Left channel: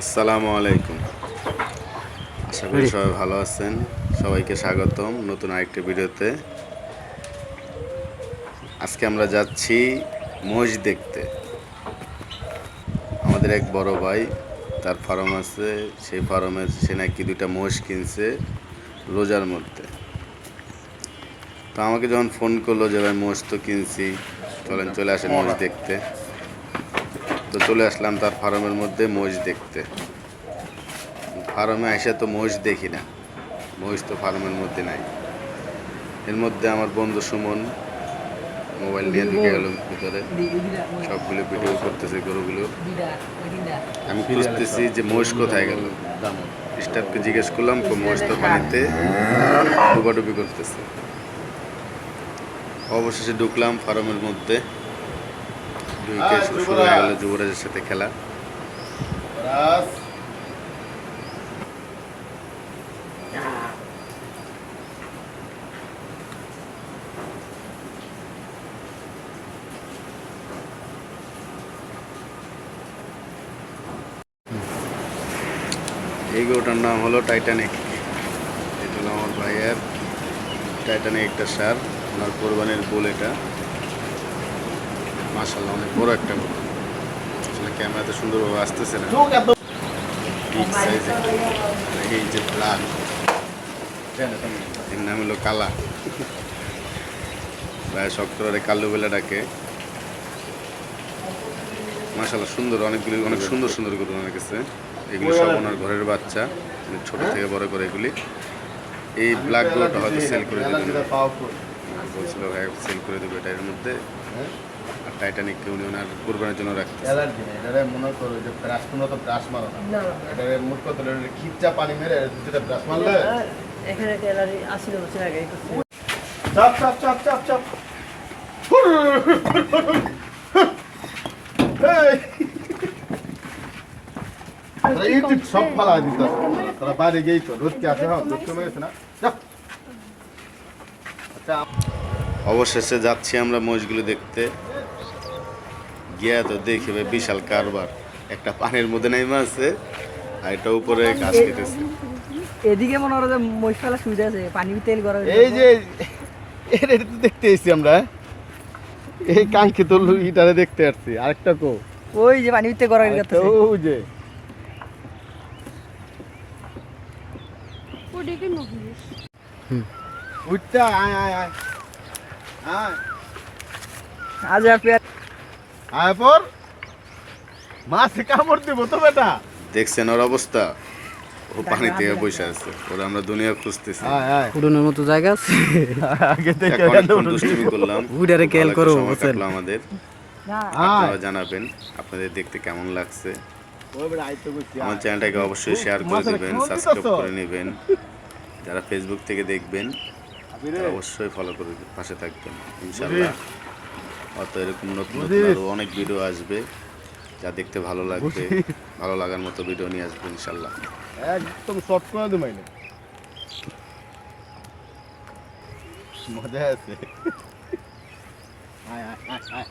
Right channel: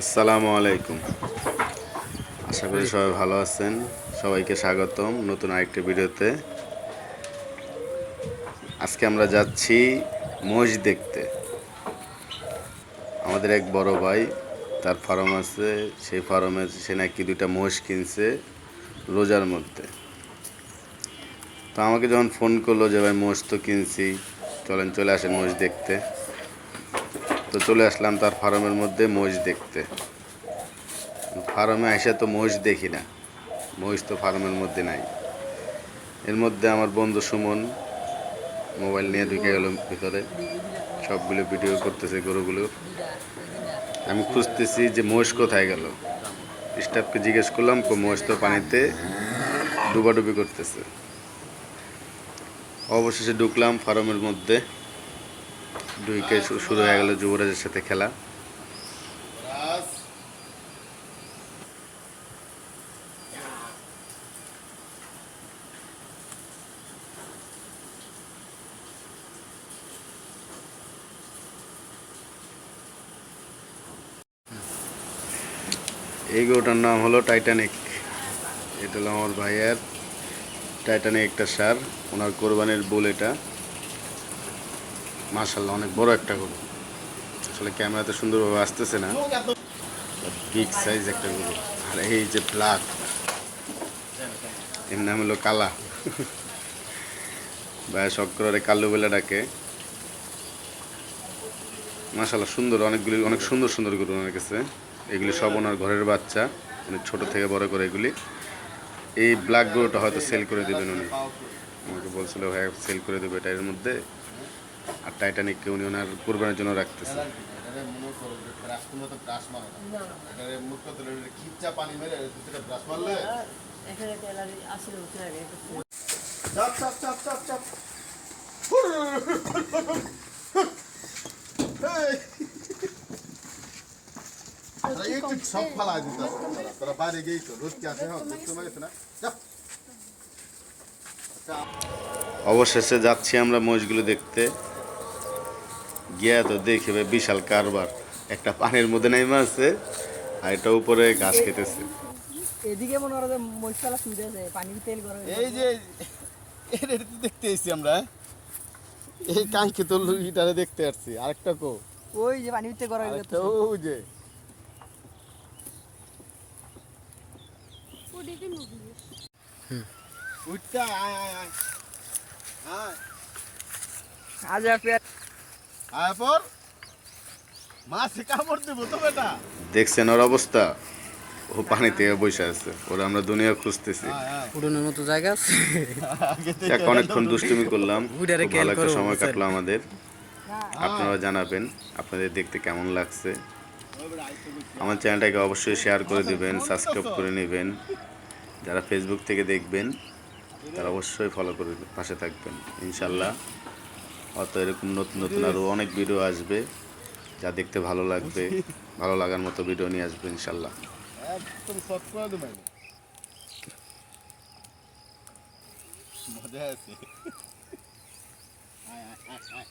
আসসালামু আলাইকুম। আশা করি সবাই ভালো আছেন। সবাইকে স্বাগতম নতুন আরেকটি ভিডিওতে। আজকে আমরা যাচ্ছি মহিষ দেখতে। আমাদের এক বড় ভাই তার ফার্ম আছে সেই ফার্মে সে নাকি দুইটা মহিষ কিনছে রোজার মধ্যে। তো আমাকে যখন ফোন করল যে ভাই মহিষ তো কিনছি চলেন চলে আসেন মহিষ দেখতে। তো চলে আসলাম তার ফার্মের মধ্যে মহিষ দেখতে। ফার্মে এসে তো মহিষ দেখি না। মহিষ তো ফার্মের মধ্যে নাই। এর মধ্যে আমার বন্ধু সুমন মোবাইল নিয়ে ঢুকে গেল ভিতরে। সবগুলো ভিডিও করতেছে গরুগুলো। আমি খুঁজতেছি যে মহিষ কোথায় গেল। স্টাফকে জিজ্ঞেস করলাম মহিষ তো পানিতে ডুবাডুবি করতেছে। অবশেষে ঢুকলাম ফার্মের মধ্যে। শু- শুরু হয়ে গেল যুবরাজের সাথে খেলা। এই গরুটার নাম হলো টাইটানিক এটা হলো আমার ভাইয়ের টাইটানিক একটা সার, ওনার কোরবানির বুল এটা। মাশাল্লাহ অনেক বড় একটা গরু আসলে ক্যামেরাতে সুন্দরভাবে আসতেছে না। বিগ সাইজ একটা গরু আর এই যে ব্ল্যাক এর নাম হলো কালা। ভাই শক্করে কাল্লু বেলা ডাকে। মাশাল্লাহ সুন্দর, অনেকগুলি, অনেক সুন্দর সুন্দর গরু ওনার কাছে। এগুলি সব ওনার ঘরের বাচ্চা অনেক ছোট থেকে বড় করে এগুলি। এই ব্ল্যাক গরুটা হয়তো সেল করে দেবেন বলছিল, ভাই সেল করে দেবে এটা এর মধ্যে। আর টাইটানিককে উনি ওনার কোরবানির জন্য রাখতেছে। এটারে মনে করো যে ব্রাশ কোনো তো ব্রাশ মারো না এটারে মুখ কত খিচ্চা পানি মেরে দুটা ব্রাশ মারলে এখানে টেলারি আশি বছর আগে চাপ চাপ চাপ চাপ চাপ। তারা সব বাইরে গিয়েই তো রোদ আছে? হ্যাঁ না? আচ্ছা। অবশেষে যাচ্ছি আমরা মহিষগুলো দেখতে। গিয়া তো দেখি ভাই বিশাল কারবার। একটা পানির মধ্যে নেমে আছে আর এটা উপরে ঘাস খেতেছে এদিকে মনে করো যে মশলা সুবিধা আছে পানি তেল গরম এই যে এটা তো দেখতে এসেছি আমরা। এই কাঙ্ক্ষিত ইটারে দেখতে আসছি আরেকটা কো। ওই যে পানি তেল গরম করতেছে ওই যে। উঠটা আয় আয় আয়। আয়। আজ আপনি আয় পর। মাছে কামড় দেবো তো বেটা। দেখছেন ওর অবস্থা? ও পানি থেকে বসে আছে। ওরা আমরা দুনিয়া খুঁজতেছি। আয় মতো জায়গা আছে। অনেকক্ষণ দুষ্টুমি করলাম। ভালো একটা সময় কাটলো আমাদের। আপনারা জানাবেন আপনাদের দেখতে কেমন লাগছে। আমার চ্যানেলটাকে অবশ্যই শেয়ার করে দিবেন সাবস্ক্রাইব করে নেবেন। যারা ফেসবুক থেকে দেখবেন তারা অবশ্যই ফলো করে পাশে থাকবেন ইনশাল্লাহ অত এরকম নতুন নতুন আরও অনেক ভিডিও আসবে যা দেখতে ভালো লাগবে। ভালো লাগার মতো ভিডিও নিয়ে আসবে ইনশাল্লাহ। একদম শর্ট করে দেবো মজা আছে। আয় আয় আয় আয়।